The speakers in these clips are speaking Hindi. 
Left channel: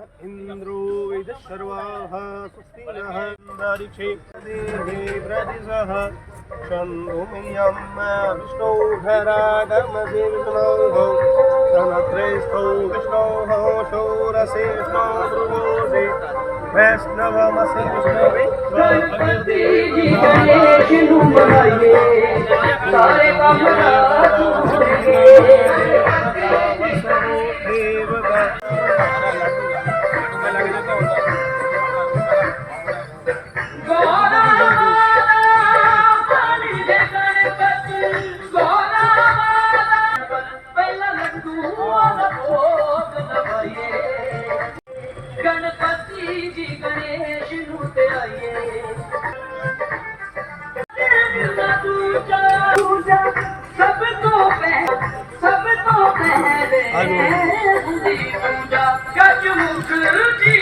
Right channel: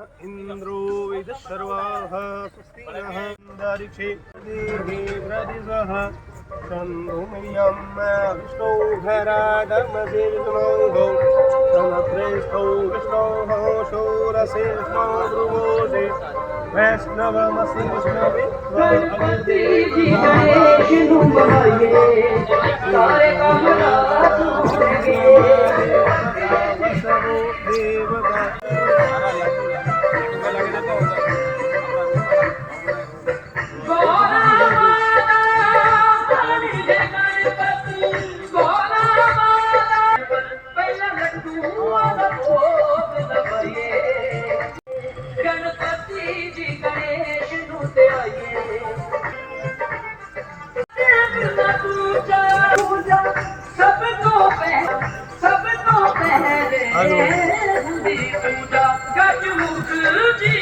इंद्रो विदशर्वाः स्वस्ति नः अंतरिक्षे देहे प्रदिशः शन्नुमयं विष्णौ घराडमसे विष्णोः सनत्रेष्ठौ विष्णोः शौरसेष्ठौ भृगोषे वैष्णवमसि विष्णवे गणेश नुमाइए सारे काम देवता गणपति जी गणेश नुते आइए पूजा सबको पहले पूजा गजमुख जी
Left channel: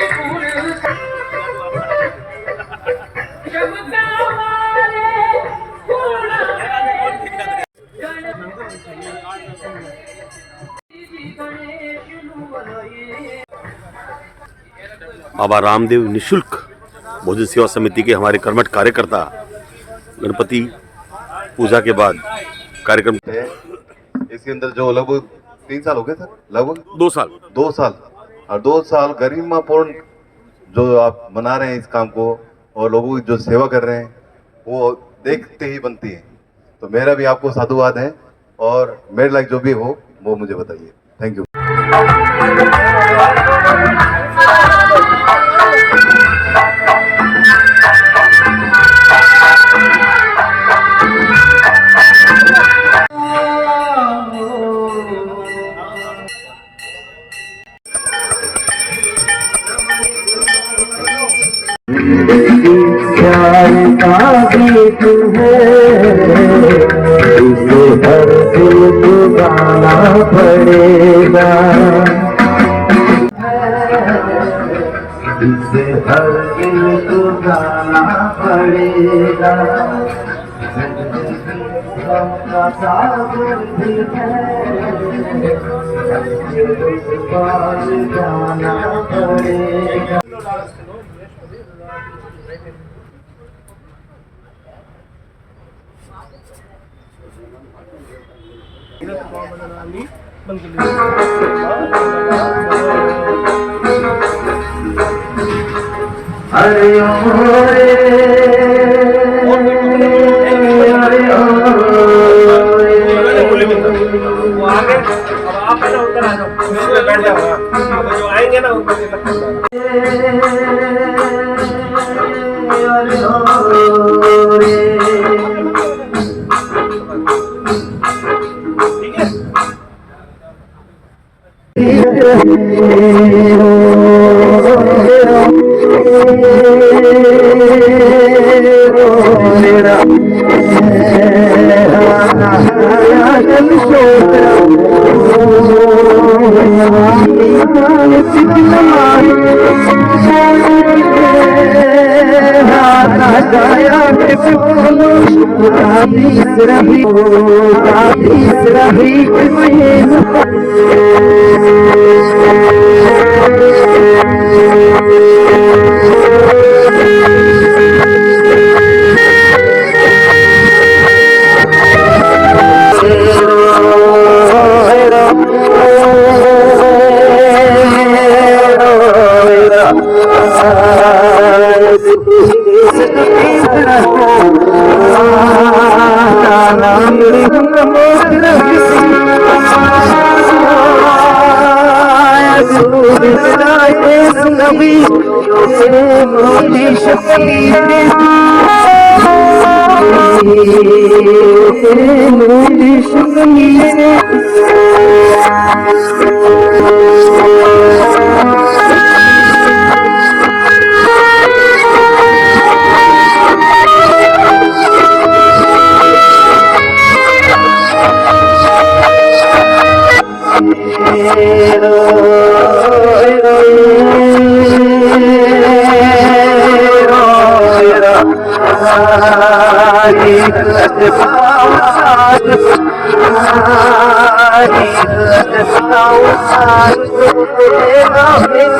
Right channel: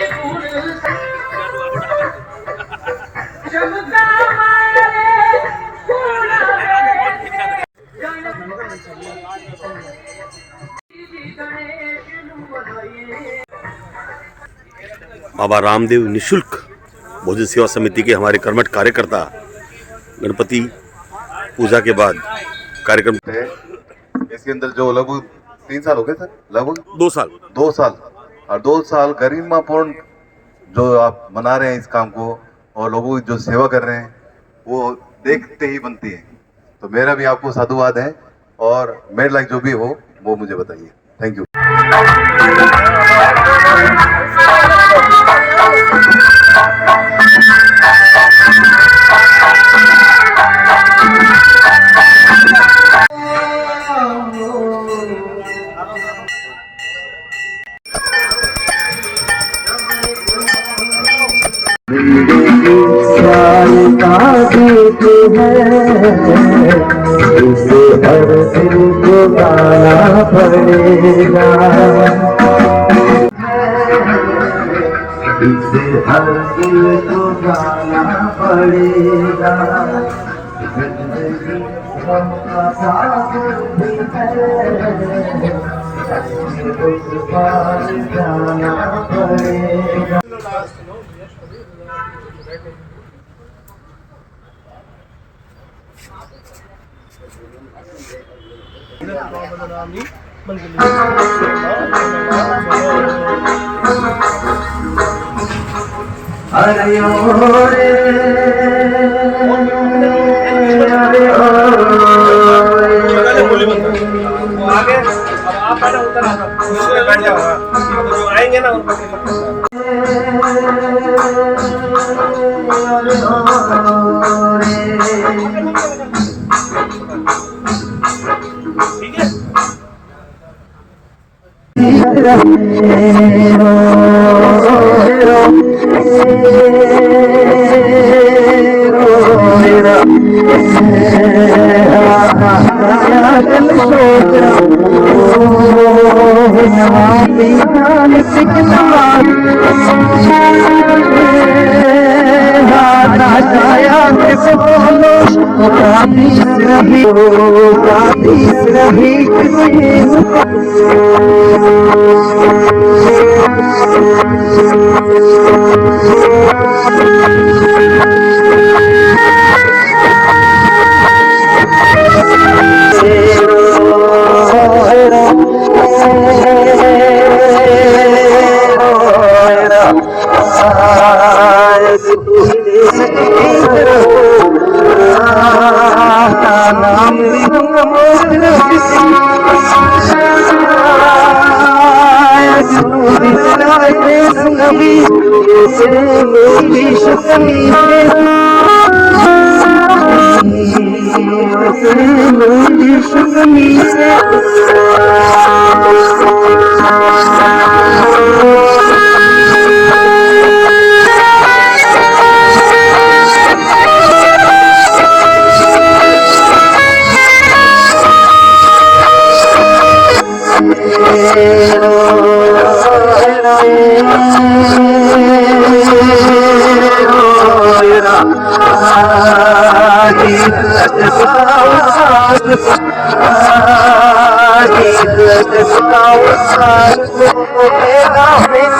बाबा रामदेव निशुल्क भोजन सेवा समिति के हमारे कर्मठ कार्यकर्ता गणपति पूजा के बाद कार्यक्रम है। इसके अंदर जो लगभग 3 साल हो गए सर, लगभग 2 साल और 2 साल गरिमापूर्ण जो आप मना रहे हैं इस काम को और लोगों की जो सेवा कर रहे हैं वो देखते ही बनती है। तो मेरा भी आपको साधुवाद है और मेरे लायक जो भी हो वो मुझे बताइए। Thank you. प्यार का गीत है, इसे हर दिल को गाना पड़ेगा, इसे हर दिल को गाना पड़ेगा। जिंदगी का सागर भी है, उस पार जाना पड़ेगा। अरे ओ रे अरे ओ वो आगे अब आप पहले उतर आ जाओ, उसमें बैठ जाओ। अब जो आएंगे ना उनको ठीक है।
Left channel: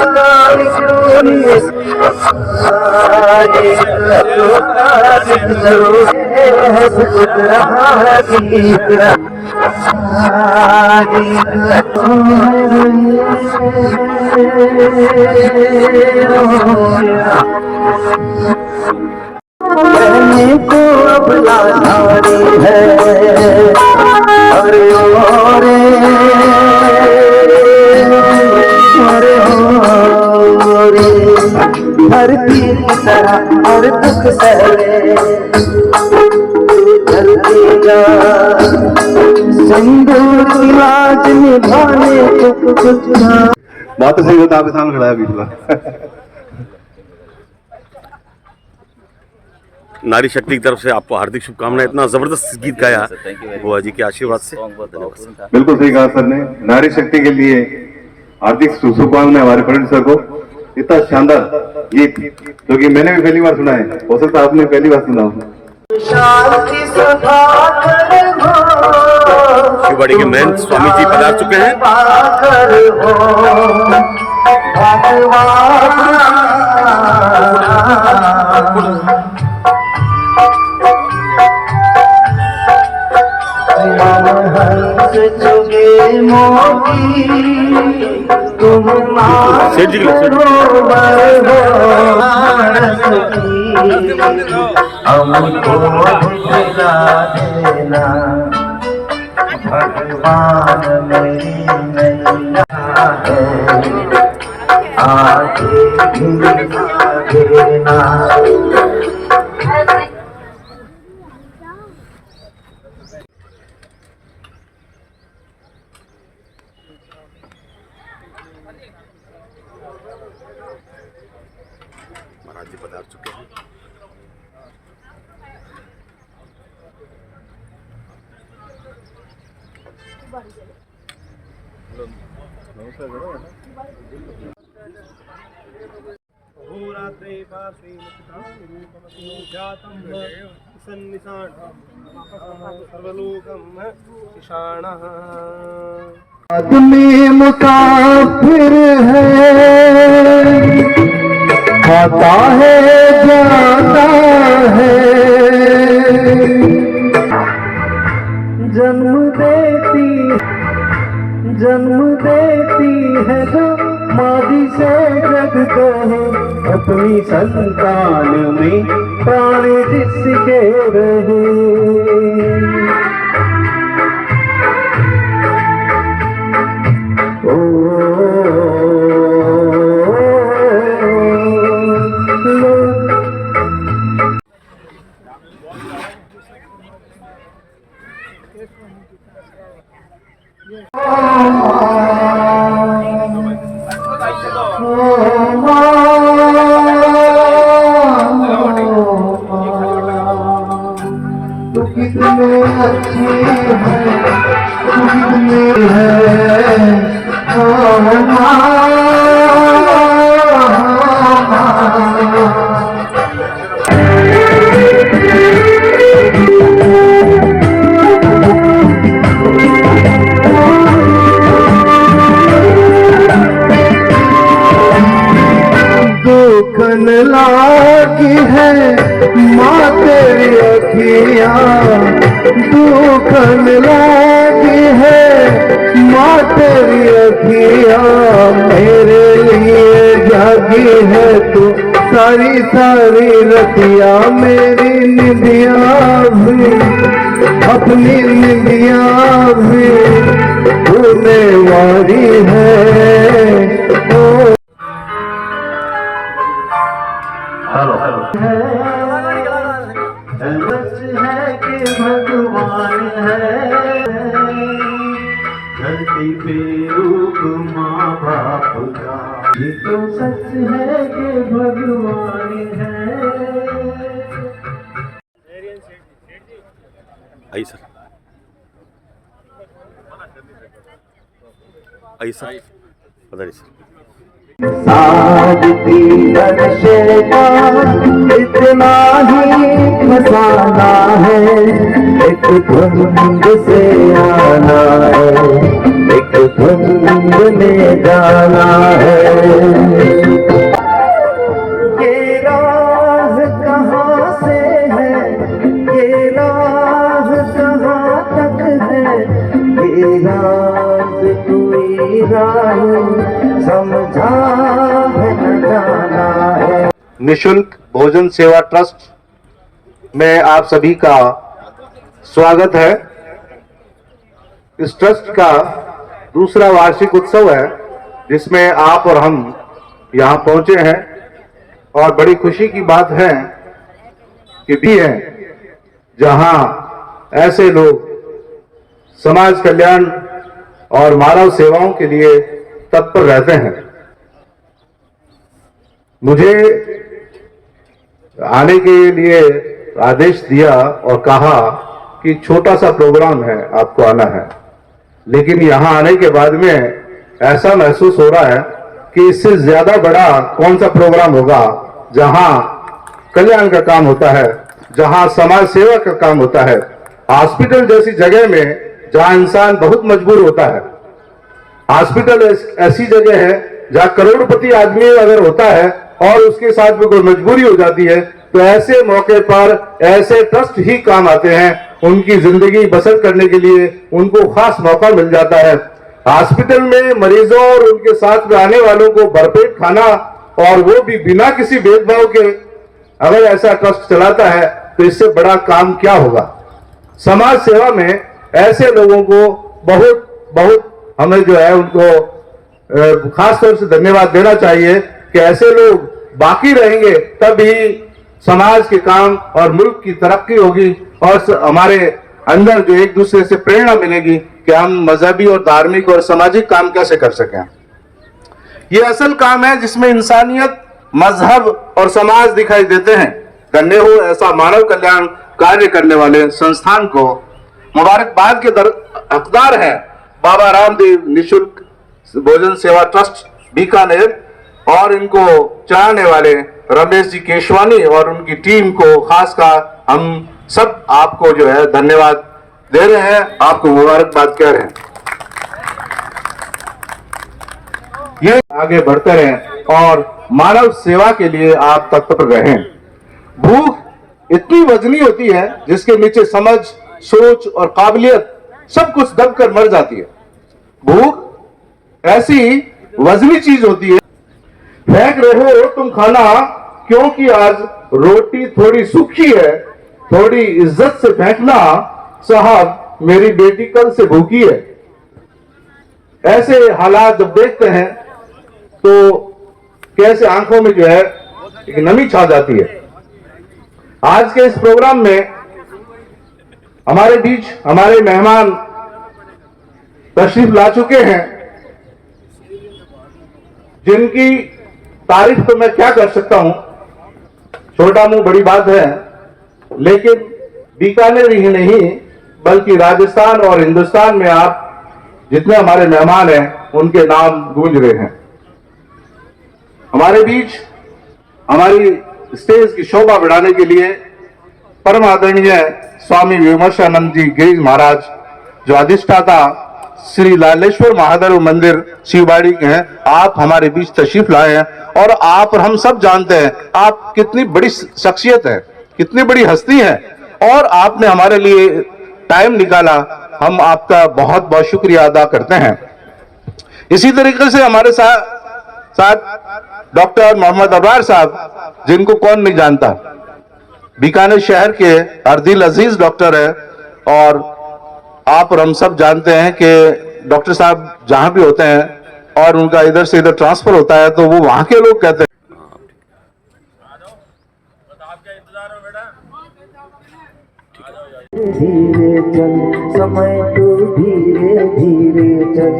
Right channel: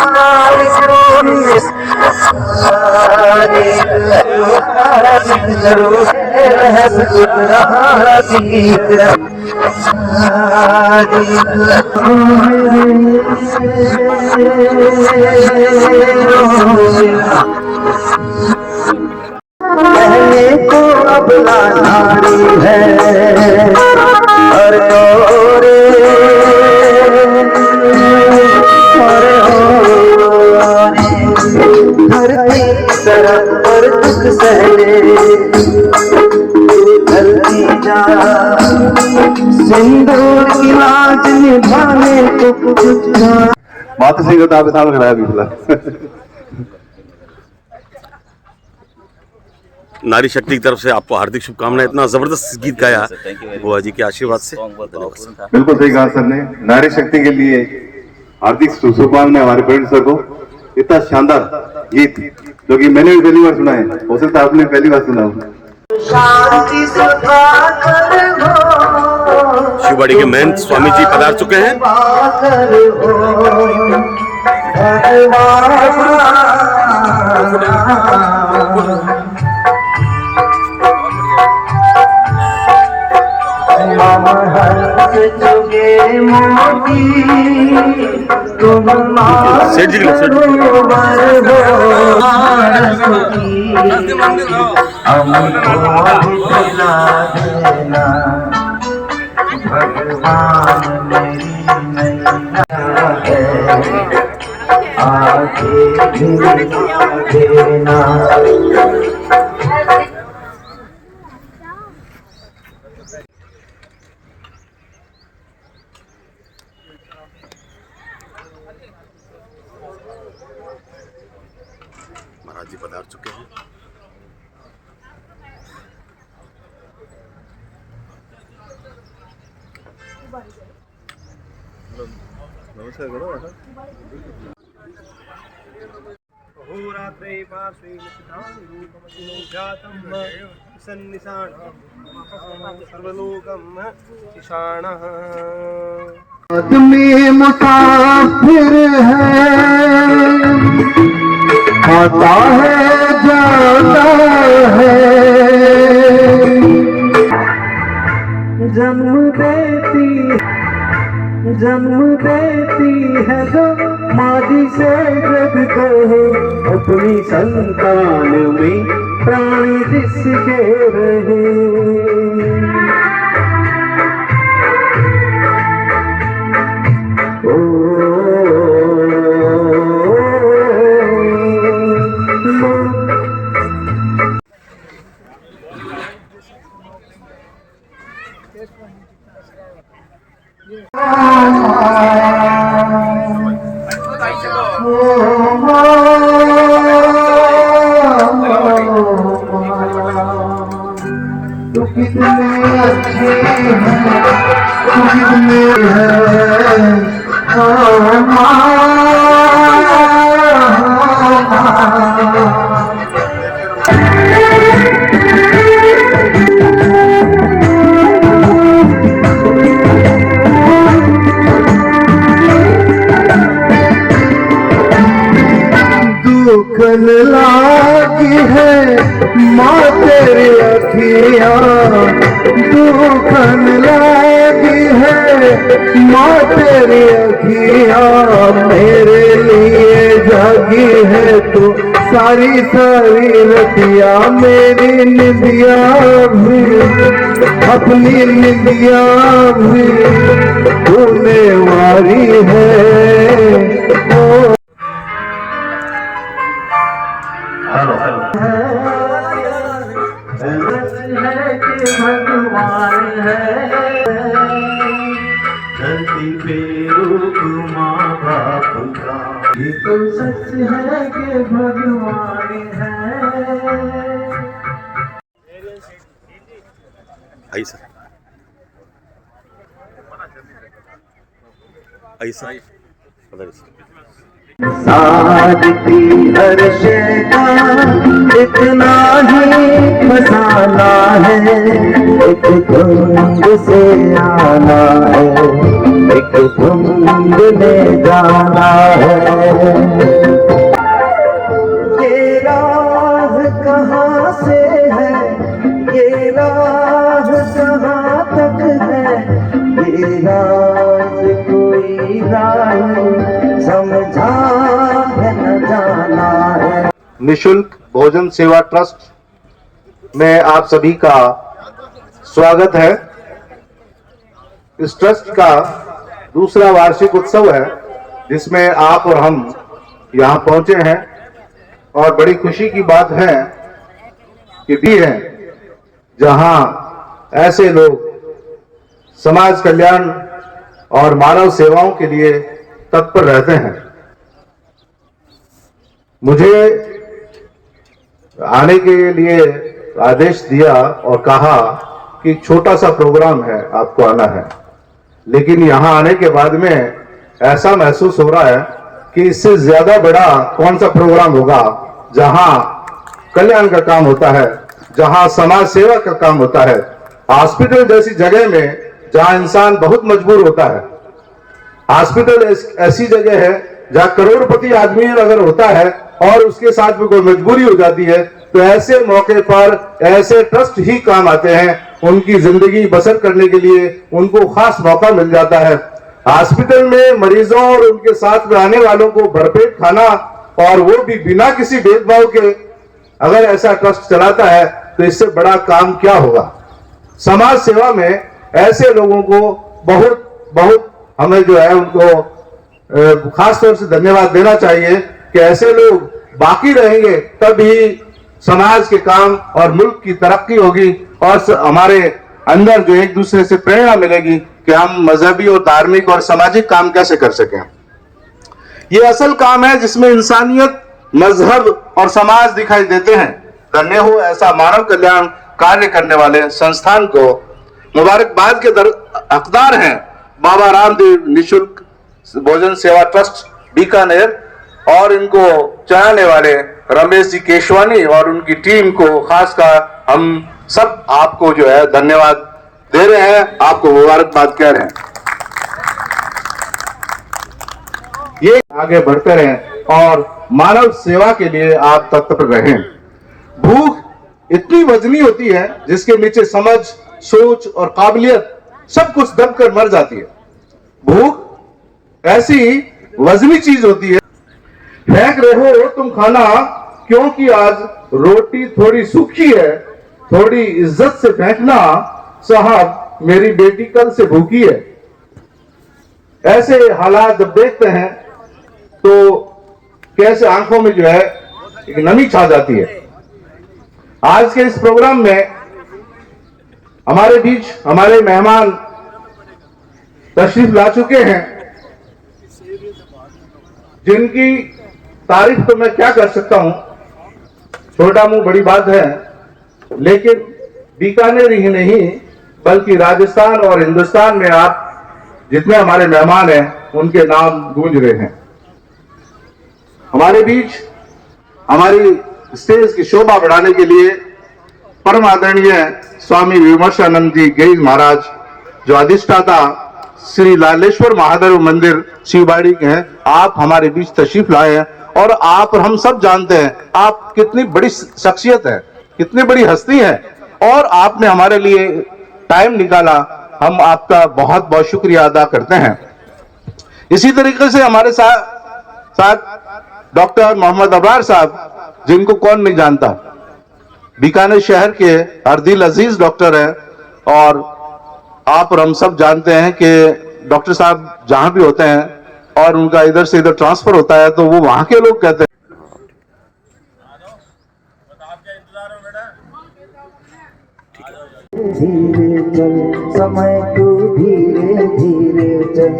Now पहले तो अब लाचारी है, अरे ओरे धरती की तरह हर दुख सहले, धरती जा सिंदूर की लाज निभाने को कुछ माता सिंह को आपके सामने खड़ा है अभी नारी शक्ति की तरफ से आपको हार्दिक शुभकामनाएं। इतना जबरदस्त गीत गाया बुआ जी के आशीर्वाद से। बिल्कुल सही कहा सर ने। नारी शक्ति के लिए हार्दिक शुभकामनाएं हमारे प्रोड्यूसर को। इतना शानदार गीत जो कि मैंने भी पहली बार सुना है, हो सकता है आपने पहली बार सुना हो। शांति सदा कर हो, शिववाड़ी के महंत स्वामी जी पधार चुके हैं। सेठ जी के लिए भगवान मेरी नैया है, आगे देना। महाराज जी पधार चुके हैं। आदमी मुसाफिर है, आता है जाता है, जन्म देती है जो मादी से जग को, अपनी संतान में प्राण जिसके रहे। तो कितने अच्छे हैं, तो कितने हैं, ओ माँ। दुखन लागी है माँ तेरी अखियाँ, दुखन लागी है माँ तेरी अखियाँ, मेरे लिए जागी है तू सारी सारी रतिया, मेरी निंदिया भी अपनी निंदिया भी तूने वारी है। ओ हेलो है कि भगवान है, धरती पे रूप माँ बाप का, ये तो सच है कि भगवान है। आइए सर, आइए सर, बताइए सर। सादगी हर शय का इतना ही खजाना है, एक धुंध से आना है, एक धुंध में जाना है। निशुल्क भोजन सेवा ट्रस्ट में आप सभी का स्वागत है। इस ट्रस्ट का दूसरा वार्षिक उत्सव है जिसमें आप और हम यहाँ पहुंचे हैं और बड़ी खुशी की बात है कि भी है जहां ऐसे लोग समाज कल्याण और मानव सेवाओं के लिए तत्पर रहते हैं। मुझे आने के लिए आदेश दिया और कहा कि छोटा सा प्रोग्राम है, आपको आना है, लेकिन यहां आने के बाद में ऐसा महसूस हो रहा है कि इससे ज्यादा बड़ा कौन सा प्रोग्राम होगा जहां कल्याण का काम होता है, जहां समाज सेवा का काम होता है। हॉस्पिटल जैसी जगह में जहां इंसान बहुत मजबूर होता है, हॉस्पिटल ऐसी जगह है जहां करोड़पति आदमी अगर होता है और उसके साथ में कोई मजबूरी हो जाती है, तो ऐसे मौके पर ऐसे ट्रस्ट ही काम आते हैं। उनकी जिंदगी बसर करने के लिए उनको खास मौका मिल जाता है। हॉस्पिटल में मरीजों और उनके साथ में आने वालों को भरपेट खाना, और वो भी बिना किसी भेदभाव के, अगर ऐसा ट्रस्ट चलाता है तो इससे बड़ा काम क्या होगा। समाज सेवा में ऐसे लोगों को बहुत बहुत हमें जो है उनको खास तौर से धन्यवाद देना चाहिए कि ऐसे लोग बाकी रहेंगे तभी समाज के काम और मुल्क की तरक्की होगी और हमारे अंदर जो एक दूसरे से प्रेरणा मिलेगी कि हम मजहबी और धार्मिक और सामाजिक काम कैसे कर सकें। ये असल काम है जिसमें इंसानियत, मजहब और समाज दिखाई देते हैं। धन्य हो ऐसा मानव कल्याण कार्य करने वाले संस्थान को। मुबारकबाद के हकदार हैं बाबा रामदेव निशुल्क भोजन सेवा ट्रस्ट बीकानेर और इनको चलाने वाले रमेश जी केशवानी और उनकी टीम को खासकर हम सब आपको जो है धन्यवाद दे रहे हैं, आपको मुबारकबाद कह रहे हैं। ये आगे बढ़ते रहें और मानव सेवा के लिए आप तत्पर रहें। भूख इतनी वजनी होती है जिसके नीचे समझ, सोच और काबिलियत सब कुछ दब कर मर जाती है। भूख ऐसी वजनी चीज होती है। फेंक रहे हो तुम खाना क्योंकि आज रोटी थोड़ी सूखी है, थोड़ी इज्जत से फेंकना, साहब मेरी बेटी कल से भूखी है। ऐसे हालात जब देखते हैं तो कैसे आंखों में जो है एक नमी छा जाती है। आज के इस प्रोग्राम में हमारे बीच हमारे मेहमान तशरीफ ला चुके हैं जिनकी तारीफ तो मैं क्या कर सकता हूं, छोटा मुंह बड़ी बात है, लेकिन बीकानेर ही नहीं बल्कि राजस्थान और हिंदुस्तान में आप जितने हमारे मेहमान हैं उनके नाम गूंज रहे हैं। हमारे बीच हमारी स्टेज की शोभा बढ़ाने के लिए परम आदरणीय स्वामी विमर्शानंद जी गिरीश महाराज जो अधिष्ठाता श्री लालेश्वर महादेव मंदिर शिवबाड़ी के हैं, आप हमारे बीच तशरीफ लाए हैं और आप और हम सब जानते हैं आप कितनी बड़ी शख्सियत है, कितनी बड़ी हस्ती है और आपने हमारे लिए टाइम निकाला। हम आपका बहुत बहुत शुक्रिया अदा करते हैं। इसी तरीके से हमारे साथ डॉक्टर मोहम्मद अबरार साहब, जिनको कौन नहीं जानता, बीकानेर शहर के अर्दिल अजीज डॉक्टर हैं और आप और हम सब जानते हैं कि डॉक्टर साहब जहां भी होते हैं और उनका इधर से इधर ट्रांसफर होता है तो वो वहां के लोग कहते हैं धीरे चल समय तो धीरे धीरे चल,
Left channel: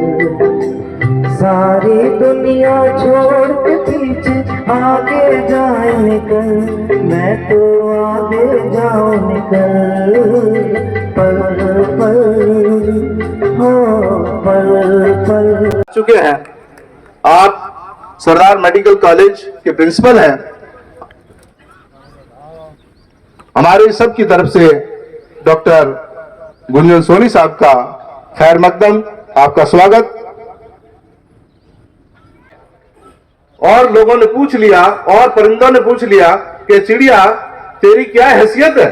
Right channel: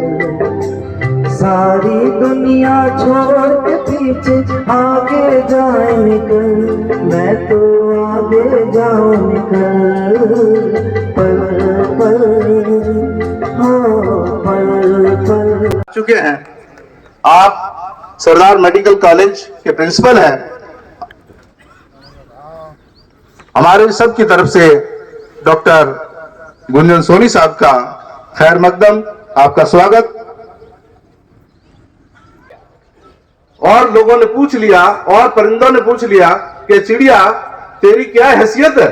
सारी दुनिया छोड़ के पीछे आगे जाए निकल, मैं तो आगे जाऊं निकल, पल पल हो पल पल। चुके हैं आप सरदार मेडिकल कॉलेज के प्रिंसिपल हैं। हमारे सब की तरफ से डॉक्टर गुंजन सोनी साहब का खैर मकदम, आपका स्वागत। और लोगों ने पूछ लिया और परिंदों ने पूछ लिया कि चिड़िया तेरी क्या हैसियत है,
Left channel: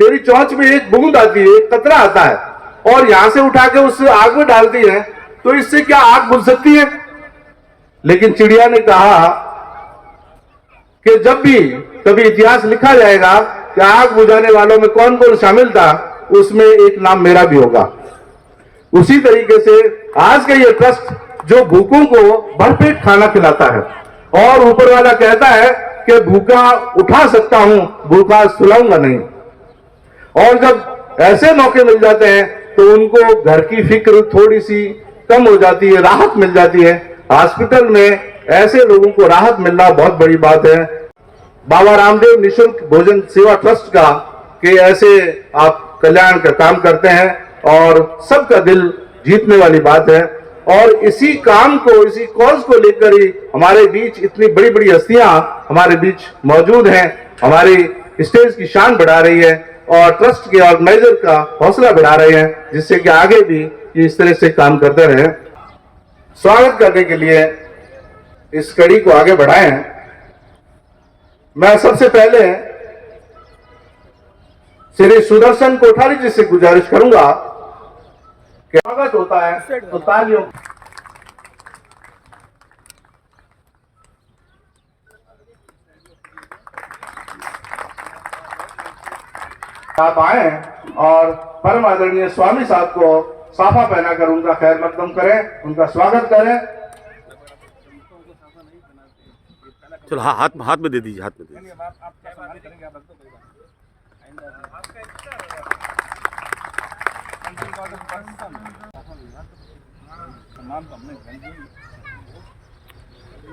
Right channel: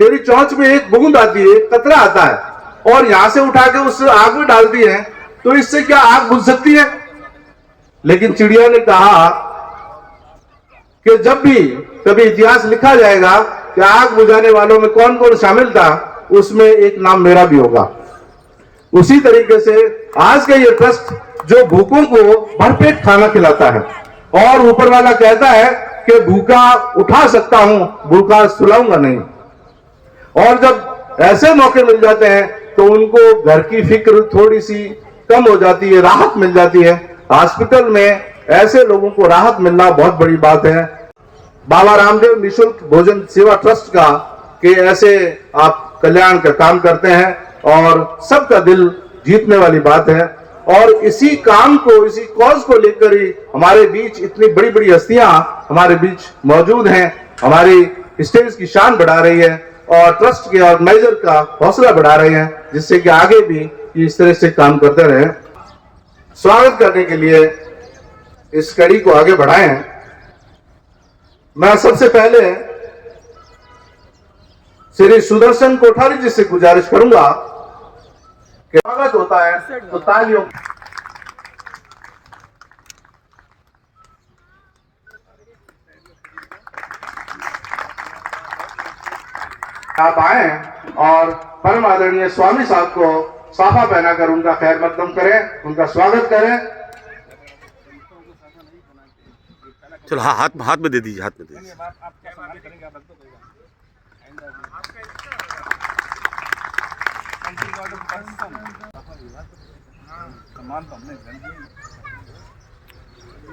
तेरी चोंच में एक बूंद आती है, एक कतरा आता है और यहां से उठा के उस आग में डालती है, तो इससे क्या आग बुझ सकती है? लेकिन चिड़िया ने कहा कि जब भी कभी इतिहास लिखा जाएगा कि आग बुझाने वालों में कौन कौन शामिल था, उसमें एक नाम मेरा भी होगा। उसी तरीके से आज का ये ट्रस्ट जो भूखों को भरपेट खाना खिलाता है और ऊपर वाला कहता है कि भूखा उठा सकता हूं, भूखा सुलाऊंगा नहीं। और जब ऐसे मौके मिल जाते हैं तो उनको घर की फिक्र थोड़ी सी कम हो जाती है, राहत मिल जाती है। हॉस्पिटल में ऐसे लोगों को राहत मिलना बहुत बड़ी बात है। बाबा रामदेव निशुल्क भोजन सेवा ट्रस्ट का कि ऐसे आप कल्याण का काम करते हैं और सबका दिल जीतने वाली बात है। और इसी काम को, इसी कॉज को लेकर ही हमारे बीच इतनी बड़ी बड़ी हस्तियां हमारे बीच मौजूद हैं, हमारी स्टेज की शान बढ़ा रही है और ट्रस्ट के ऑर्गेनाइजर का हौसला बढ़ा रहे हैं, जिससे कि आगे भी इस तरह से काम करते रहे। स्वागत करने के लिए इस कड़ी को आगे बढ़ाएं। मैं सबसे पहले श्री सुदर्शन कोठारी जी से गुजारिश करूंगा कि स्वागत होता है तो तालियों आप आए और परम आदरणीय स्वामी साहब को साफा पहनाकर उनका खैर मकदम करें, उनका स्वागत करें। चलो हाथ में दे दीजिए, हाथ में दे दीजिए। आपका सम्मान करेंगे, आप रख दो कोई बात। सम्मान तो हमने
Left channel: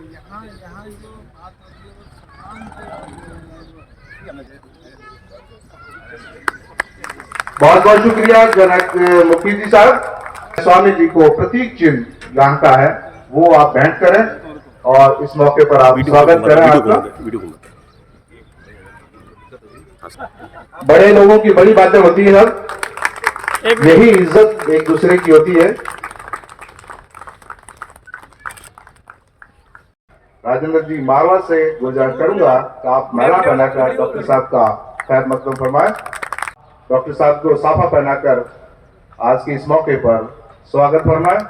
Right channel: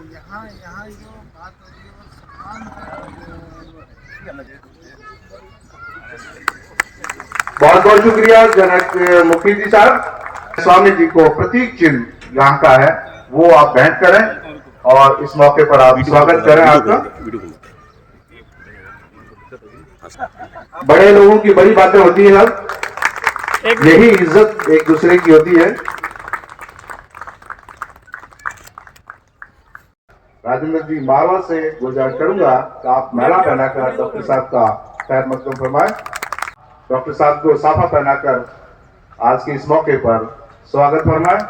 यहाँ जो बात होती है वो सम्मान बहुत बहुत शुक्रिया जनक मुखी जी साहब। स्वामी जी को प्रतीक चिन्ह यहाँ का है वो आप भेंट करें और इस मौके पर आप स्वागत करें आपका। बड़े लोगों की बड़ी बातें होती है सब, यही इज्जत एक दूसरे की होती है। राजेंद्र जी मालवा से गुजारिश करूंगा कि आप माला पहनाकर डॉक्टर साहब का खैर मकदम फरमाएं। डॉक्टर साहब को साफा पहनाकर आज के इस मौके पर स्वागत फरमाएं।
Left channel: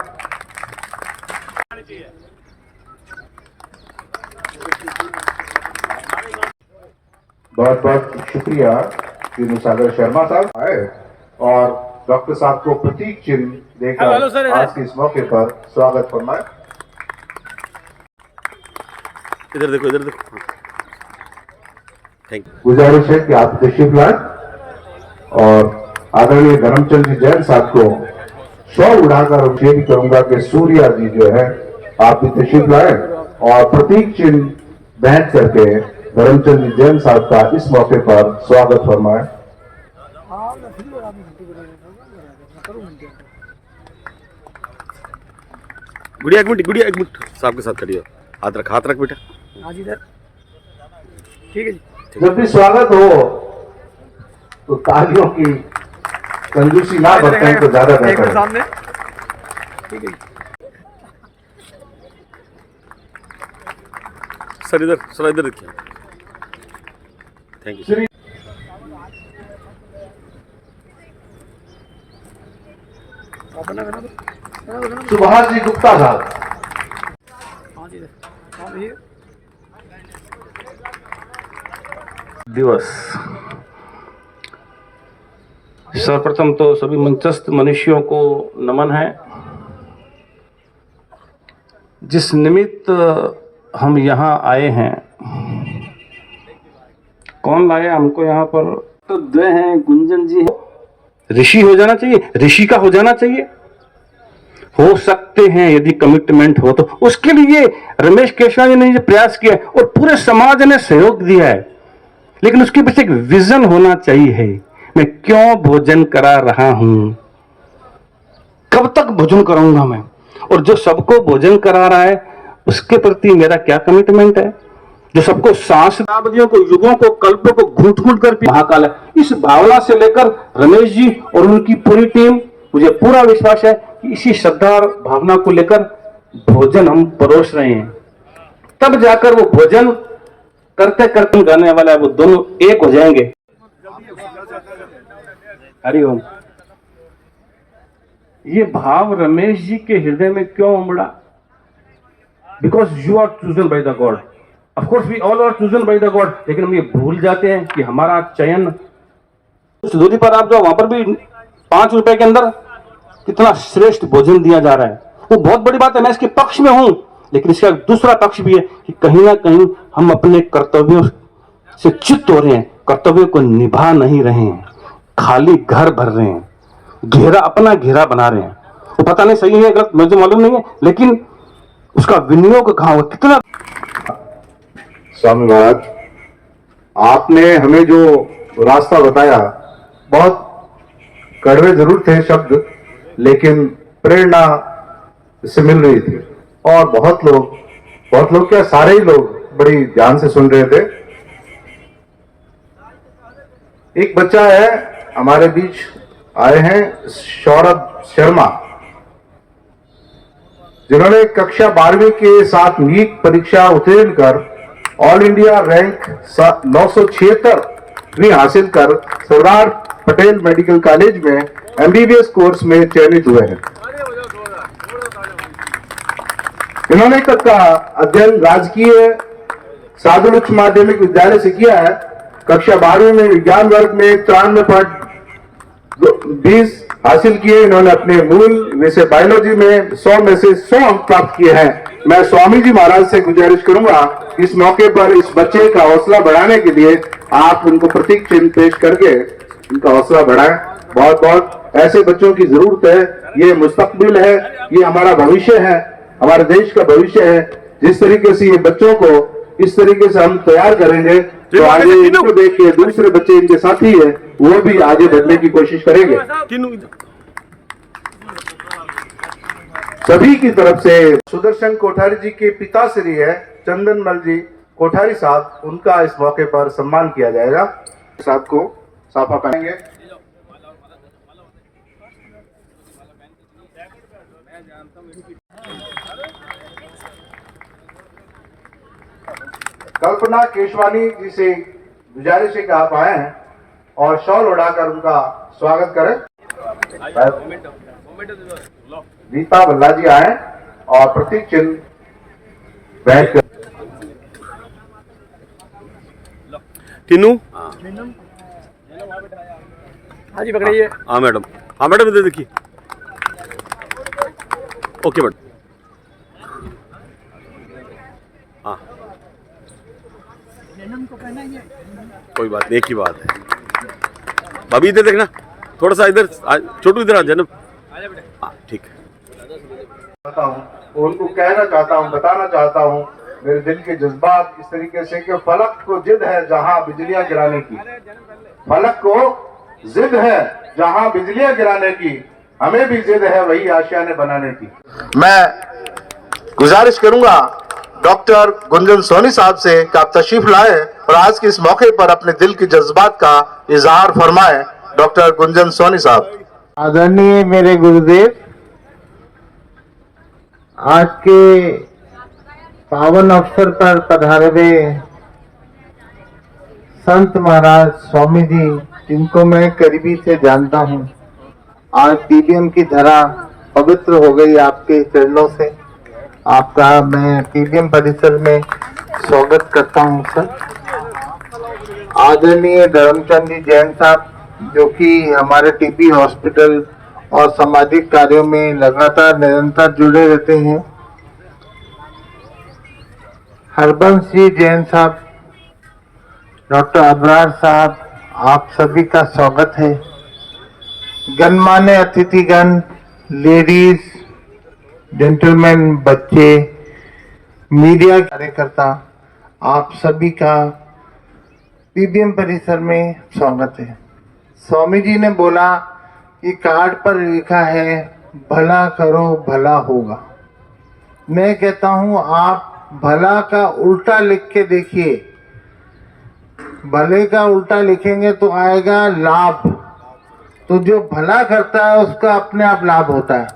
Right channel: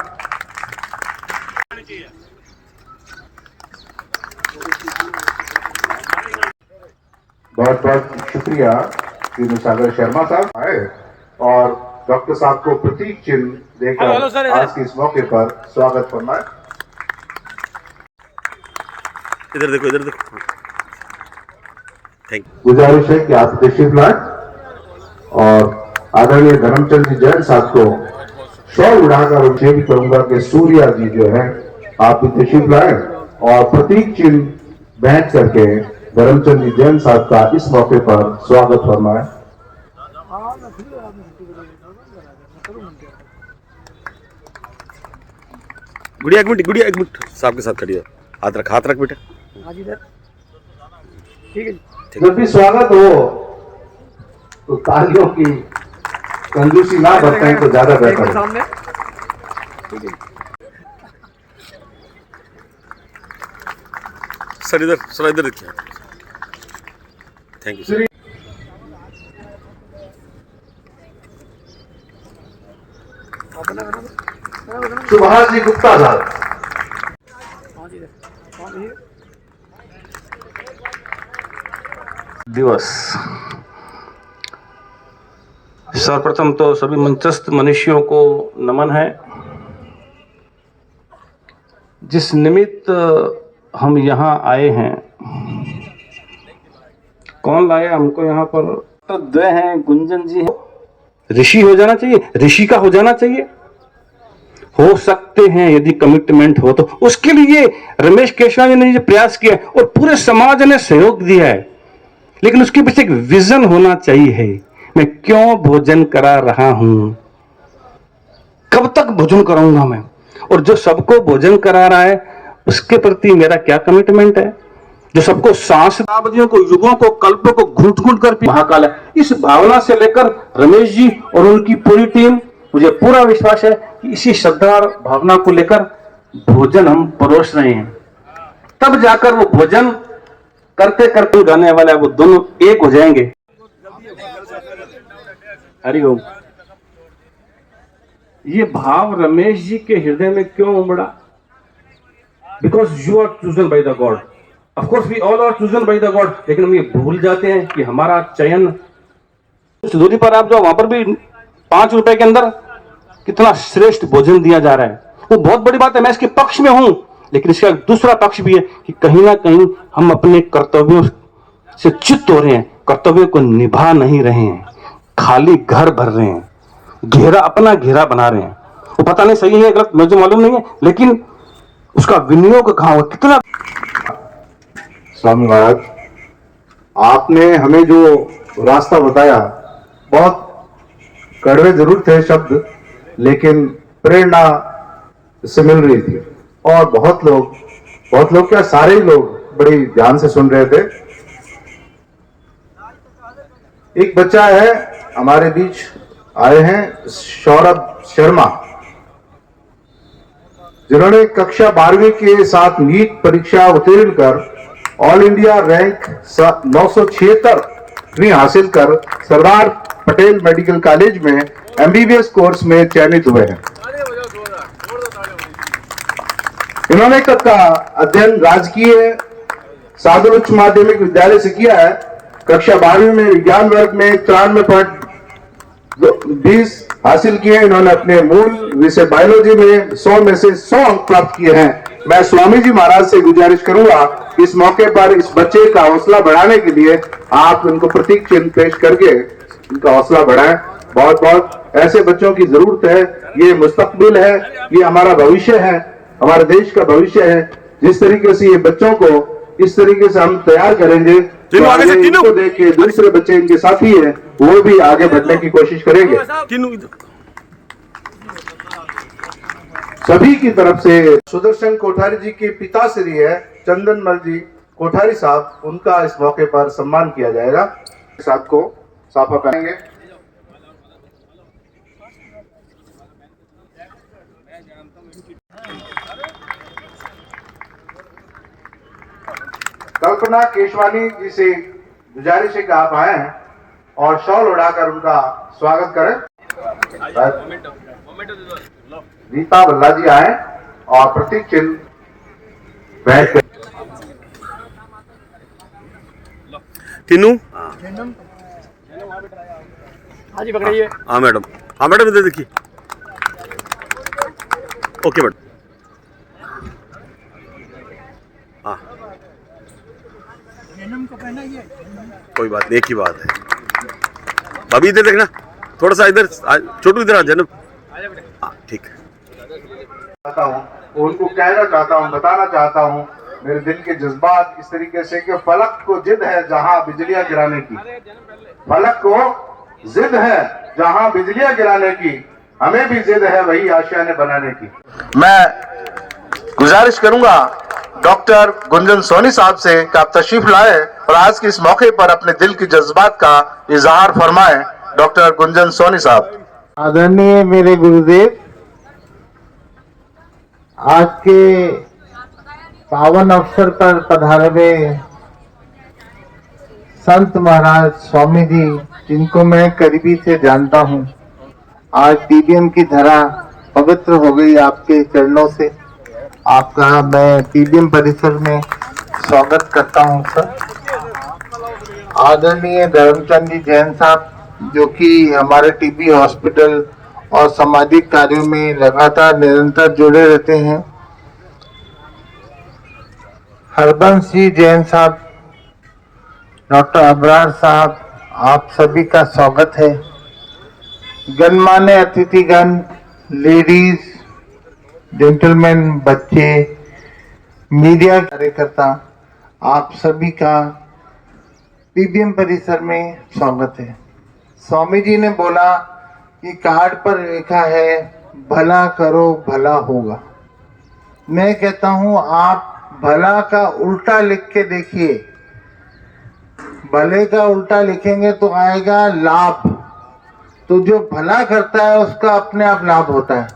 बहुत बहुत शुक्रिया कि सागर शर्मा साहब आए और डॉक्टर साहब को प्रतीक चिन्ह देकर आज के इस मौके पर स्वागत फरमाएं। इधर देखो, इधर देखो। Thank you. गुजारिश है कि आप तशरीफ लाएं और आदरणीय धर्मचंद जी जैन साहब को शॉल उड़ाकर और ये भी कहूंगा कि सूर्या जी जो है आप भी तशरीफ लाएं और प्रतीक चिन्ह भेंट करके धर्मचंद जी जैन साहब का इस मौके पर स्वागत फरमाएं। गुड़िया एक मिनट साहब के साथ खड़ी हो। हाथ रख बेटा। ठीक है जी। जब भी स्वागत हो तो तालियों की कंजूसी ना बरतें तो ज्यादा बेहतर है। सामने ठीक है। सर इधर देखिए। Thank you. सुभाष जी गुप्ता साहब। दिवस सर्वप्रथम तो सभी मंचस्थ मनुष्यों को नमन है। जिस निमित्त हम यहाँ आए हैं, कौन लाया हमको यहाँ पर? तो दो हैं, गुंजन जी हैं। ऋषि हो जाना चाहिए, ऋषि का हो जाना चाहिए। हो सकते हैं यदि कमिटमेंट हो तो। उसके लिए रमेश केशवानी ने जो प्रयास किया और पूरे समाज ने सहयोग दिया है, लेकिन उसके पीछे एक विजन होना चाहिए। मैं क्यों भोजन करा रहा हूं, कब तक भोजन कराऊंगा मैं, और जो सबको भोजन करा रहा है उसके प्रति मेरा क्या कमिटमेंट है। जो सबको शताब्दियों को, युगों को, कल्पों को घूट घूट कर महाकाल है। इस भावना से लेकर रमेश जी और उनकी पूरी टीम, मुझे पूरा विश्वास है कि इसी श्रद्धा और भावना को लेकर भोजन हम परोस रहे हैं। तब जाकर वो भोजन करते करते गाने वाला है, वो दोनों एक हो जाएंगे। हरिओम। ये भाव रमेश जी के हृदय में क्यों उमड़ा? Because you are chosen by the God. Of course we all are chosen by the God, लेकिन हम ये भूल जाते हैं कि हमारा चयन, कुछ दूरी पर आप जाओ, वहां पर भी 5 रुपए के अंदर कितना श्रेष्ठ भोजन दिया जा रहा है। वो बहुत बड़ी बात है, मैं इसके पक्ष में हूं, लेकिन इसका दूसरा पक्ष भी है कि कहीं ना कहीं हम अपने कर्तव्यों से च्युत हो रहे हैं, कर्तव्यों को निभा नहीं रहे हैं, खाली घर भर रहे हैं, घेरा अपना घेरा बना रहे हैं। वो पता नहीं सही है गलत मुझे मालूम नहीं है, लेकिन उसका विनियोग कहाँ हुआ, कितना। स्वामी महाराज, आपने हमें जो रास्ता बताया, बहुत कड़वे जरूर थे शब्द, लेकिन प्रेरणा से मिल रही थी। और बहुत लोग क्या, सारे ही लोग बड़ी ध्यान से सुन रहे थे। एक बच्चा है हमारे बीच आए हैं, सौरभ शर्मा, जिन्होंने कक्षा 12वीं के साथ नीट परीक्षा उत्तीर्ण कर ऑल इंडिया रैंक 976वीं हासिल कर सरदार पटेल मेडिकल कॉलेज में एमबीबीएस कोर्स में चयनित हुए हैं। इन्होंने का अध्ययन राजकीय साधु उच्च माध्यमिक विद्यालय से किया है। कक्षा 12वीं में विज्ञान वर्ग में 93.20 हासिल किए। इन्होंने अपने मूल विषय बायोलॉजी में 100 में से 100 अंक प्राप्त किए हैं। मैं स्वामी जी महाराज से गुजारिश करूंगा इस मौके पर इस बच्चे का हौसला बढ़ाने के लिए आप उनको प्रतीक चिन्ह पेश करके उनका हौसला बढ़ाएं। बहुत बहुत ऐसे बच्चों की जरूरत है। ये मुस्तकबिल है, ये हमारा भविष्य है, हमारे देश का भविष्य है। जिस तरीके से ये बच्चों को इस तरीके से हम तैयार करेंगे तो आगे इनको देख के दूसरे बच्चे इनके साथी है वो भी आगे बढ़ने की कोशिश करेंगे। सभी की तरफ से सुदर्शन कोठारी जी के पिताश्री है चंदनमल जी कोठारी साहब, उनका इस मौके पर सम्मान किया जाएगा। साहब को साफा पहनेंगे। कल्पना केशवानी जी से गुजारिश है कि आप आए हैं और शॉल उड़ाकर उनका स्वागत करें। रीता भल्ला जी आए और प्रतीक चिन्ह बैठ कर तीनू। हाँ जी पकड़िए। हाँ मैडम, हाँ मैडम इधर देखिए। Okay madam. हाँ कोई बात नहीं, एक ही बात है। भाभी इधर देखना, थोड़ा सा इधर, छोटू इधर आ जन्म। हाँ ठीक है। उनको कहना चाहता हूँ, बताना चाहता हूँ मेरे दिल के जज्बात इस तरीके से कि फलक को जिद है जहाँ बिजलियां गिराने की, फलक को जिद है जहाँ बिजलियां गिराने की, हमें भी जिद है वही आशियाने बनाने की। मैं गुजारिश करूंगा डॉक्टर गुंजन सोनी साहब से कि आप तशरीफ लाए और आज के इस मौके पर अपने दिल के जज्बात का इजहार फरमाएं। डॉक्टर गुंजन सोनी साहब। आदरणीय मेरे गुरुदेव, आज के पावन अवसर पर पधारे हुए संत महाराज स्वामी जी, जिनको मैं करीबी से जानता हूं, आज पीबीएम की धरा पवित्र हो गई आपके चरणों से। आपका मैं पीबीएम परिसर में स्वागत करता हूं सर। आदरणीय धर्मचंद जी जैन साहब, जो कि हमारे टीबी हॉस्पिटल और सामाजिक कार्यों में लगातार निरंतर जुड़े रहते हैं। हरबंश जी जैन साहब, डॉक्टर अबरार साहब, आप सभी का स्वागत है। गणमान्य अतिथिगण, लेडीज, जेंटलमैन, बच्चे, मीडिया कार्यकर्ता, आप सभी का पीबीएम परिसर में स्वागत है। स्वामी जी ने बोला कि कार्ड पर लिखा है भला करो भला होगा। मैं कहता हूं आप भला का उल्टा लिख के देखिए। भले का उल्टा लिखेंगे तो आएगा लाभ। तो जो भला करता है उसका अपने आप लाभ होता है।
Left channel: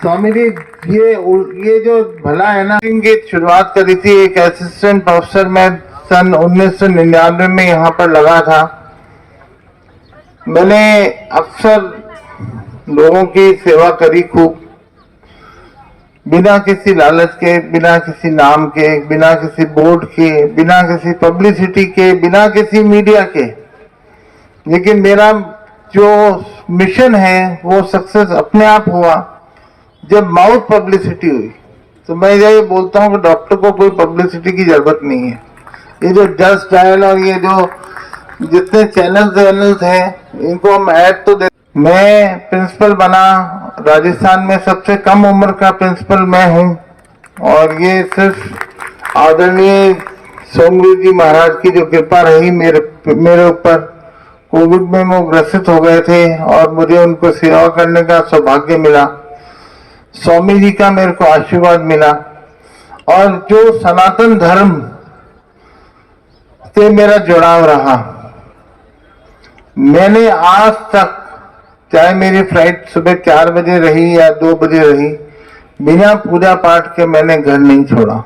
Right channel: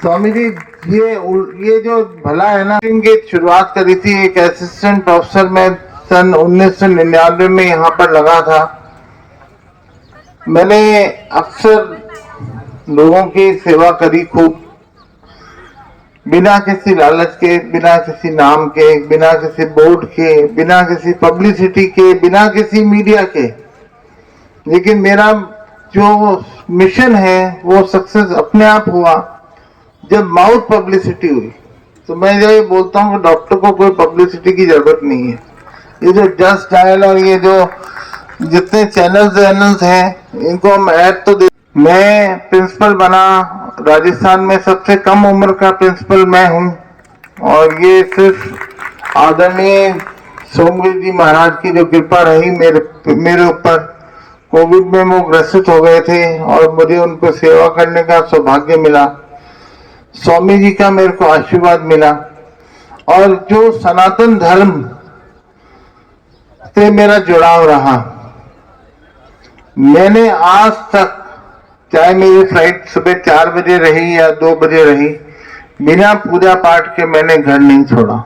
स्वामी जी ये जो भला है ना, की शुरुआत करी थी एक असिस्टेंट प्रोफेसर में सन 1999 में यहाँ पर लगा था। मैंने अक्सर लोगों की सेवा करी खूब। बिना किसी लालच के, बिना किसी नाम के, बिना किसी बोर्ड के, बिना किसी पब्लिसिटी के, बिना किसी मीडिया के। लेकिन मेरा जो मिशन है वो सक्सेस अपने आप हुआ जब माउथ पब्लिसिटी हुई। तो मैं ये बोलता हूँ कि डॉक्टर को कोई पब्लिसिटी की जरूरत नहीं है। ये जो जस्ट डायल और ये जो जितने चैनल्स हैं इनको हम ऐड तो दे। मैं प्रिंसिपल बना, राजस्थान में सबसे कम उम्र का प्रिंसिपल मैं हूँ और ये सिर्फ आदरणीय सोमवीर जी महाराज की जो कृपा रही मेरे ऊपर। कोविड में वो ग्रसित हो गए थे और मुझे उनको सेवा करने का सौभाग्य मिला। स्वामी जी का मेरे को आशीर्वाद मिला और जो सनातन धर्म से मेरा जुड़ाव रहा। मैंने आज तक, चाहे मेरी फ्लाइट सुबह 4 बजे रही या 2 बजे रही, बिना पूजा पाठ के मैंने घर नहीं छोड़ा।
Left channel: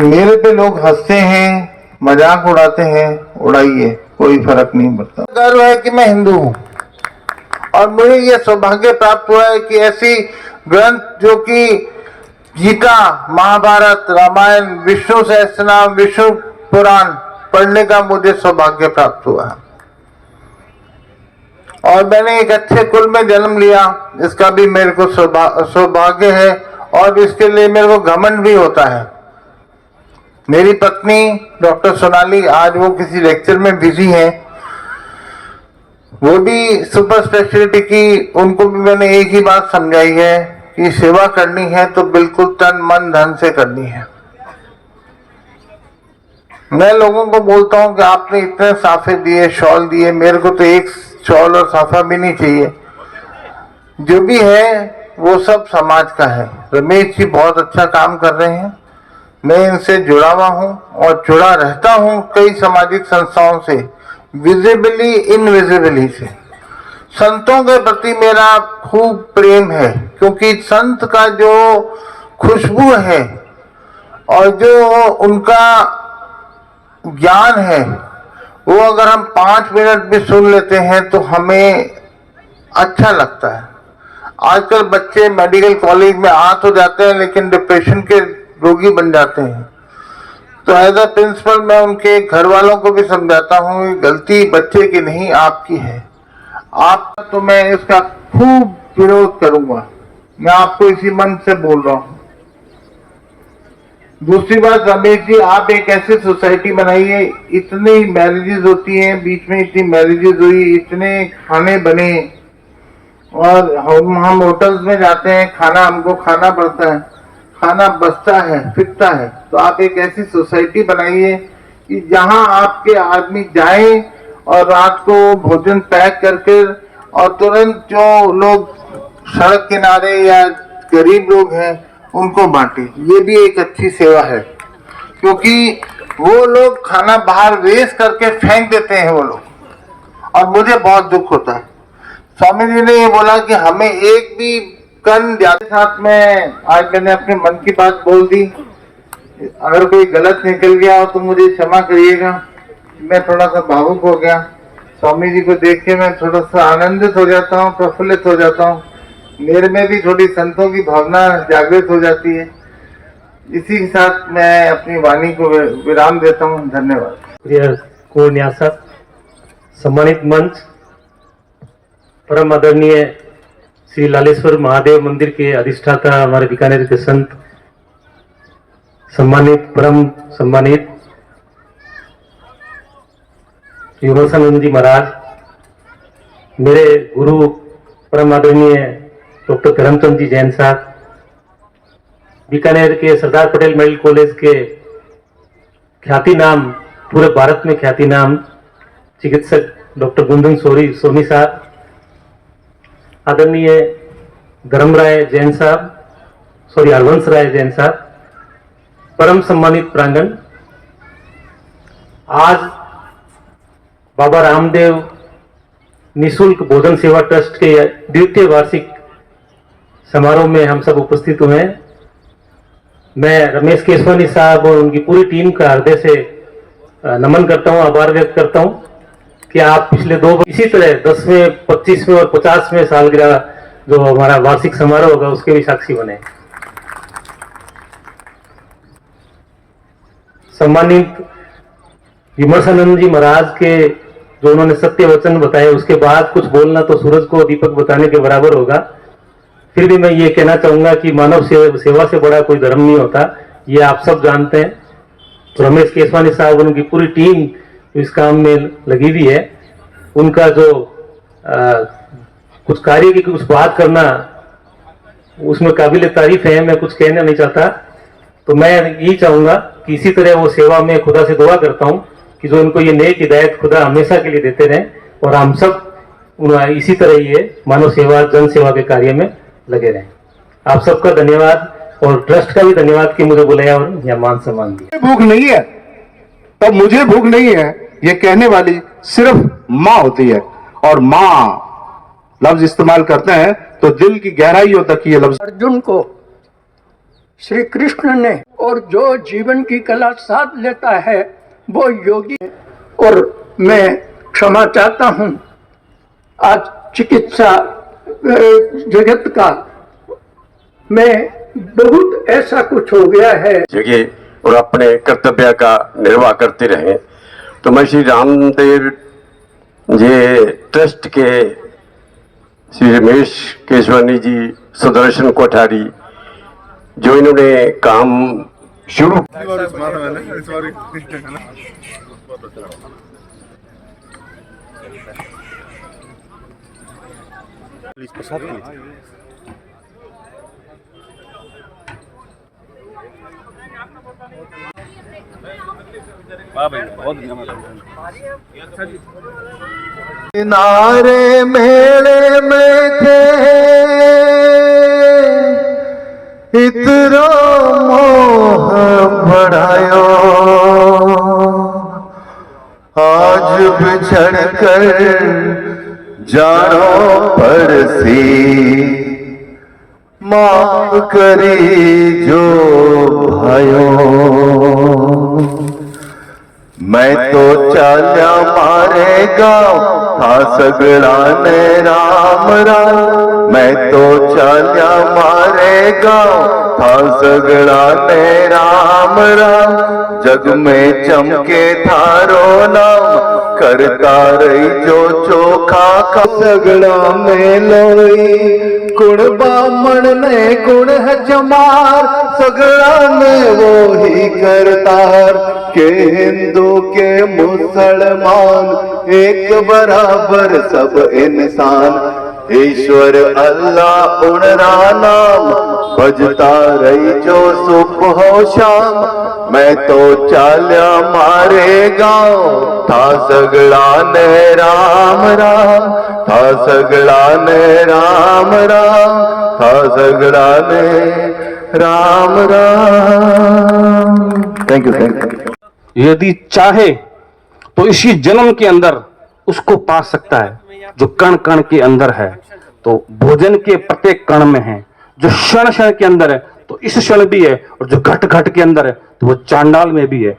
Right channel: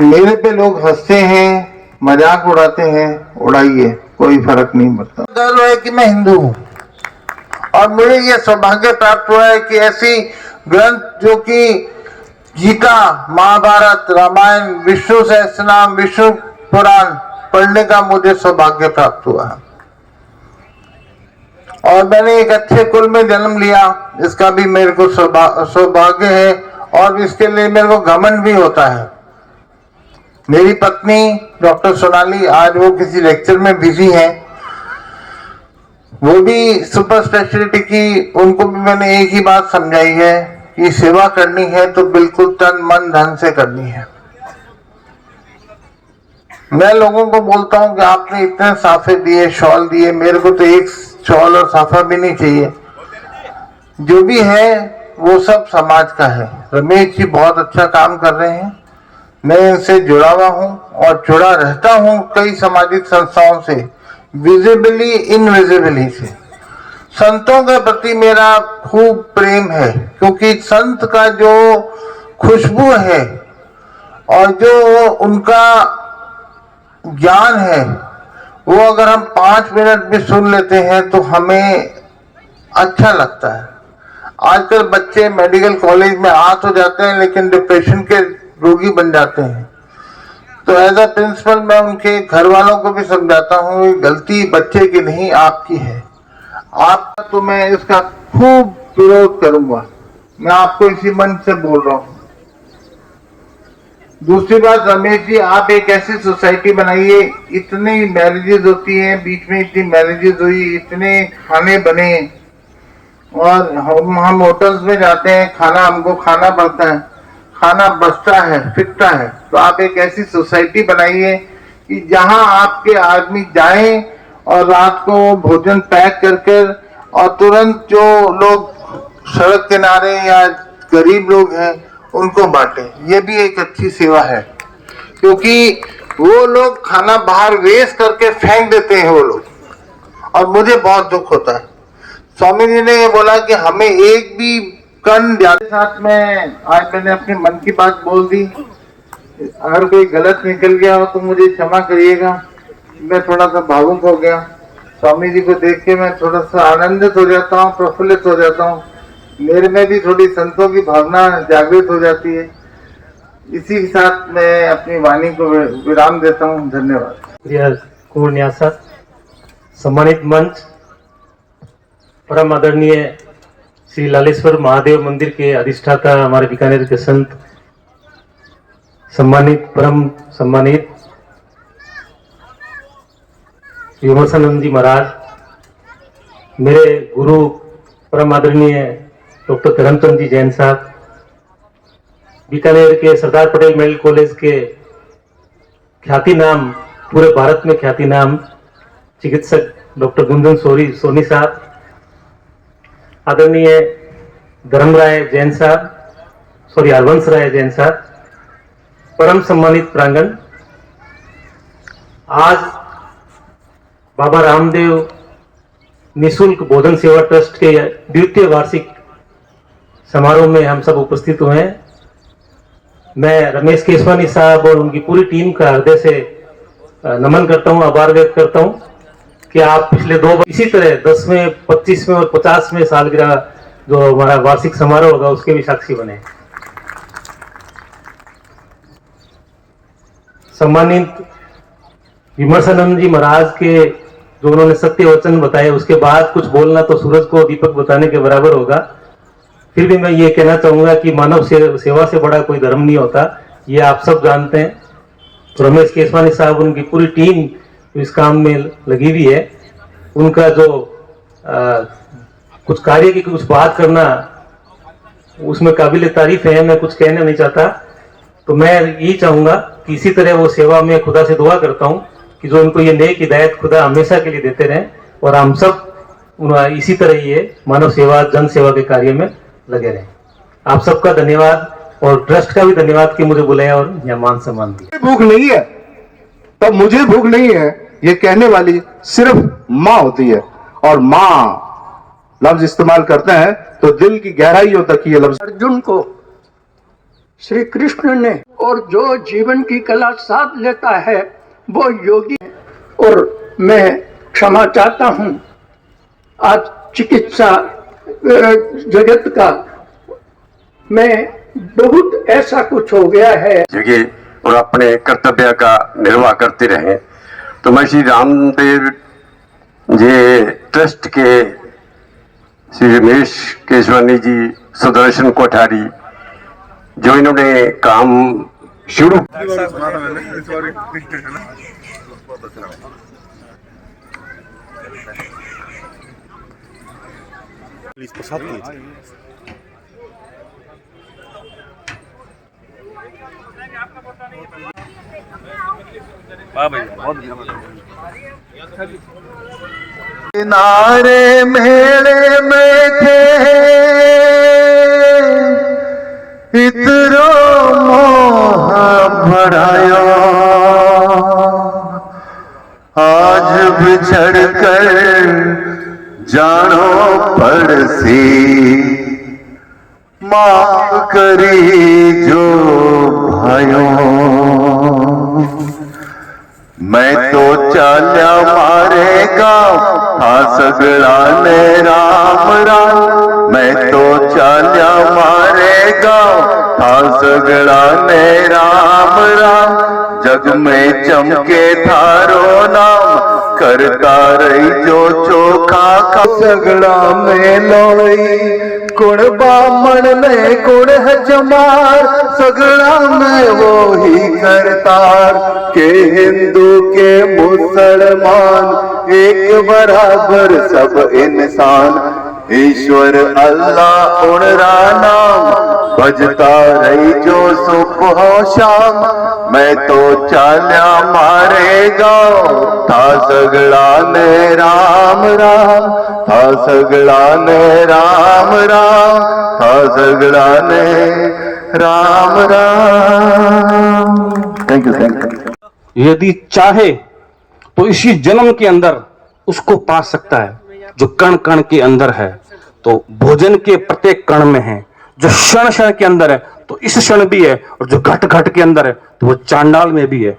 मेरे पे लोग हंसते हैं, मजाक उड़ाते हैं, उड़ाइए, कोई फर्क नहीं पड़ता। गर्व है कि मैं हिंदू हूँ और मुझे ये सौभाग्य प्राप्त हुआ है कि ऐसी ग्रंथ जो कि गीता, महाभारत, रामायण, विष्णु सहस्त्रनाम, विष्णु पुराण पढ़ने का मुझे सौभाग्य प्राप्त हुआ है। और मैंने एक अच्छे कुल में जन्म लिया, इसका भी मेरे को सौभाग्य है और इसके लिए मेरे को घमंड भी होता है। मेरी पत्नी डॉक्टर सोनाली, आज वो किसी लेक्चर में बिजी है, वो भी सुपर स्पेशलिटी की, उनको भी मैंने एक ही बात समझाई है कि सेवा करनी है तो बिल्कुल तन मन धन से करनी है। मैं लोगों को बोलता हूं कि आपने इतने साफे दिए, शॉल दिए, मेरे को तो एक शॉल और साफा भी नहीं चाहिए। जो भी है वो सब समाज का है। रमेश जी बहुत अच्छा काम कर रहे हैं, मैं इनसे जुड़ा हुआ हूं और जुड़ा रहता हूं कई सामाजिक संस्थाओं से, विजिबली इनविजिबली से। संतों के प्रति मेरा खूब प्रेम है क्योंकि संत का जो खुशबू है और जो उनका ज्ञान है वो अगर हम 5 मिनट भी सुन लेते हैं तो हमें अच्छा लगता है। आजकल बच्चे मेडिकल कॉलेज में आ तो जाते हैं लेकिन डिप्रेशन के रोगी बन जाते हैं। तो एज अ प्रिंसिपल मैं उनके घर वालों को भी समझाता हूँ गलती बच्चे की नहीं आपकी है। आपका तो मैं इसका खूब विरोध करूंगा, मैं आपको इसी मन से बोल रहा हूँ। दूसरी बात, रमेश जी आप एक ऐसी सोसाइटी बनाइए, इतनी मैरिजेस होती हैं, बीच में इतनी मैरिजेस हुई, इतने खाने बने और हम होटल्स में जाते हैं, खाना हमको खाना पड़ता है, खाना बचता है, फिकता है। तो आप एक ऐसी सोसाइटी बनाइए कि जहां आपके आदमी जाए और रात को भोजन पैक करके और तुरंत जो लोग सड़क किनारे या गरीब लोग हैं उनको बांटे। ये भी एक अच्छी सेवा है क्योंकि वो लोग खाना बाहर वेस्ट करके फेंक देते हैं वो लोग, और मुझे बहुत दुख होता है। स्वामी जी ने ये बोला कि हमें एक भी कण ज्यादा साथ में, आज मैंने अपने मन की बात बोल दी, अगर कोई गलत निकल गया हो तो मुझे क्षमा करिएगा। मैं थोड़ा सा भावुक हो गया, स्वामी जी को देख के मैं थोड़ा सा आनंदित हो जाता हूँ, प्रफुल्लित हो जाता हूँ, मेरे में भी थोड़ी संतों की भावना जागृत हो जाती है। इसी के साथ मैं अपनी वाणी को विराम देता हूँ। धन्यवाद। प्रिय कोर न्यासक, सम्मानित मंच, परम आदरणीय श्री लालेश्वर महादेव मंदिर के अधिष्ठाता हमारे बीकानेर के संत, सम्मानित परम सम्मानित विमोचनानंद जी महाराज, मेरे गुरु परम आदरणीय डॉक्टर करमचंद जी जैन साहब, बीकानेर के सरदार पटेल मेडिकल कॉलेज के ख्याति नाम, पूरे भारत में ख्याति नाम चिकित्सक डॉक्टर गुंजन सोनी साहब, आदरणीय धर्मराय जैन साहब, हरवंश राय जैन साहब, परम सम्मानित प्रांगण, आज बाबा रामदेव निशुल्क भोजन सेवा ट्रस्ट के द्वितीय वार्षिक समारोह में हम सब उपस्थित हुए हैं। मैं रमेश केसवानी साहब और उनकी पूरी टीम का हृदय से नमन करता हूं, आभार व्यक्त करता हूं कि आप पिछले 2 बार इसी तरह 10वें, 25वें और 50वें सालगिरह जो हमारा वार्षिक समारोह होगा उसके भी साक्षी बने। सम्मानित विमर्शानंद जी महाराज के जो उन्होंने सत्य वचन बताए, उसके बाद कुछ बोलना तो सूरज को दीपक बताने के बराबर होगा। फिर भी मैं ये कहना चाहूंगा कि मानव सेवा से बड़ा कोई धर्म नहीं होता, ये आप सब जानते हैं। तो रमेश केसवानी साहब, उनकी पूरी टीम इस काम में लगी हुई है। उनका जो कुछ कार्य की कुछ बात करना उसमें काबिल तारीफ है, मैं कुछ कहना नहीं चाहता। तो मैं यही चाहूंगा कि इसी तरह वो सेवा में खुदा से दुआ करता हूँ कि जो उनको ये नेक हिदायत खुदा हमेशा के लिए देते रहें और हम सब इसी तरह ये मानव सेवा जन सेवा के कार्य में लगे रहें। आप सबका धन्यवाद और ट्रस्ट का भी धन्यवाद कि मुझे बुलाया और यहाँ मान सम्मान दिया। भूख नहीं है तब मुझे भूख नहीं है, ये कहने वाली सिर्फ माँ होती है। और माँ लफ्ज इस्तेमाल करते हैं तो दिल की गहराइयों तक ये लफ्ज। अर्जुन को श्री कृष्ण ने, और जो जीवन की कला साध लेता है वो योगी है। और मैं क्षमा चाहता हूँ, आज चिकित्सा जगत का में बहुत ऐसा कुछ हो गया है जगह और अपने कर्तव्य का निर्वाह करते रहे। तो मैं श्री रामदेव जी ट्रस्ट के श्री रमेश केसवानी जी, सुदर्शन कोठारी, जो इन्होंने काम शुरू किनारे मेले में थे इतरो मोह भरायो, आज बिछड़ कर जानो पड़सी, माफ करी जो भाइयों। मैं तो चाल्या मारेगा था सगड़ा ने राम राम, मैं तो चाल्या मारेगा था सगड़ा ने राम राम। जग में चमके थारो नाम, करता रही जो चोखा का। सगड़ा में लोई कुण बामण ने कुण है जमार, सगड़ा में वो ही करतार के हिंदू के मुसलमान एक बराबर सब इंसान। ईश्वर अल्लाह उनरा नाम, भजता रही जो सुबह शाम। मैं तो चाल्या मारेगा था सगड़ा ने राम राम, था सगड़ा ने राम राम, था सगड़ा ने राम राम। Thank you. यदि चाहे तो इसी जन्म के अंदर उसको पा सकता है, जो कण कण के अंदर है तो भोजन के प्रत्येक कण में है, जो क्षण क्षण के अंदर है तो इस क्षण भी है, और जो घट घट के अंदर है तो वो चांडाल में भी है।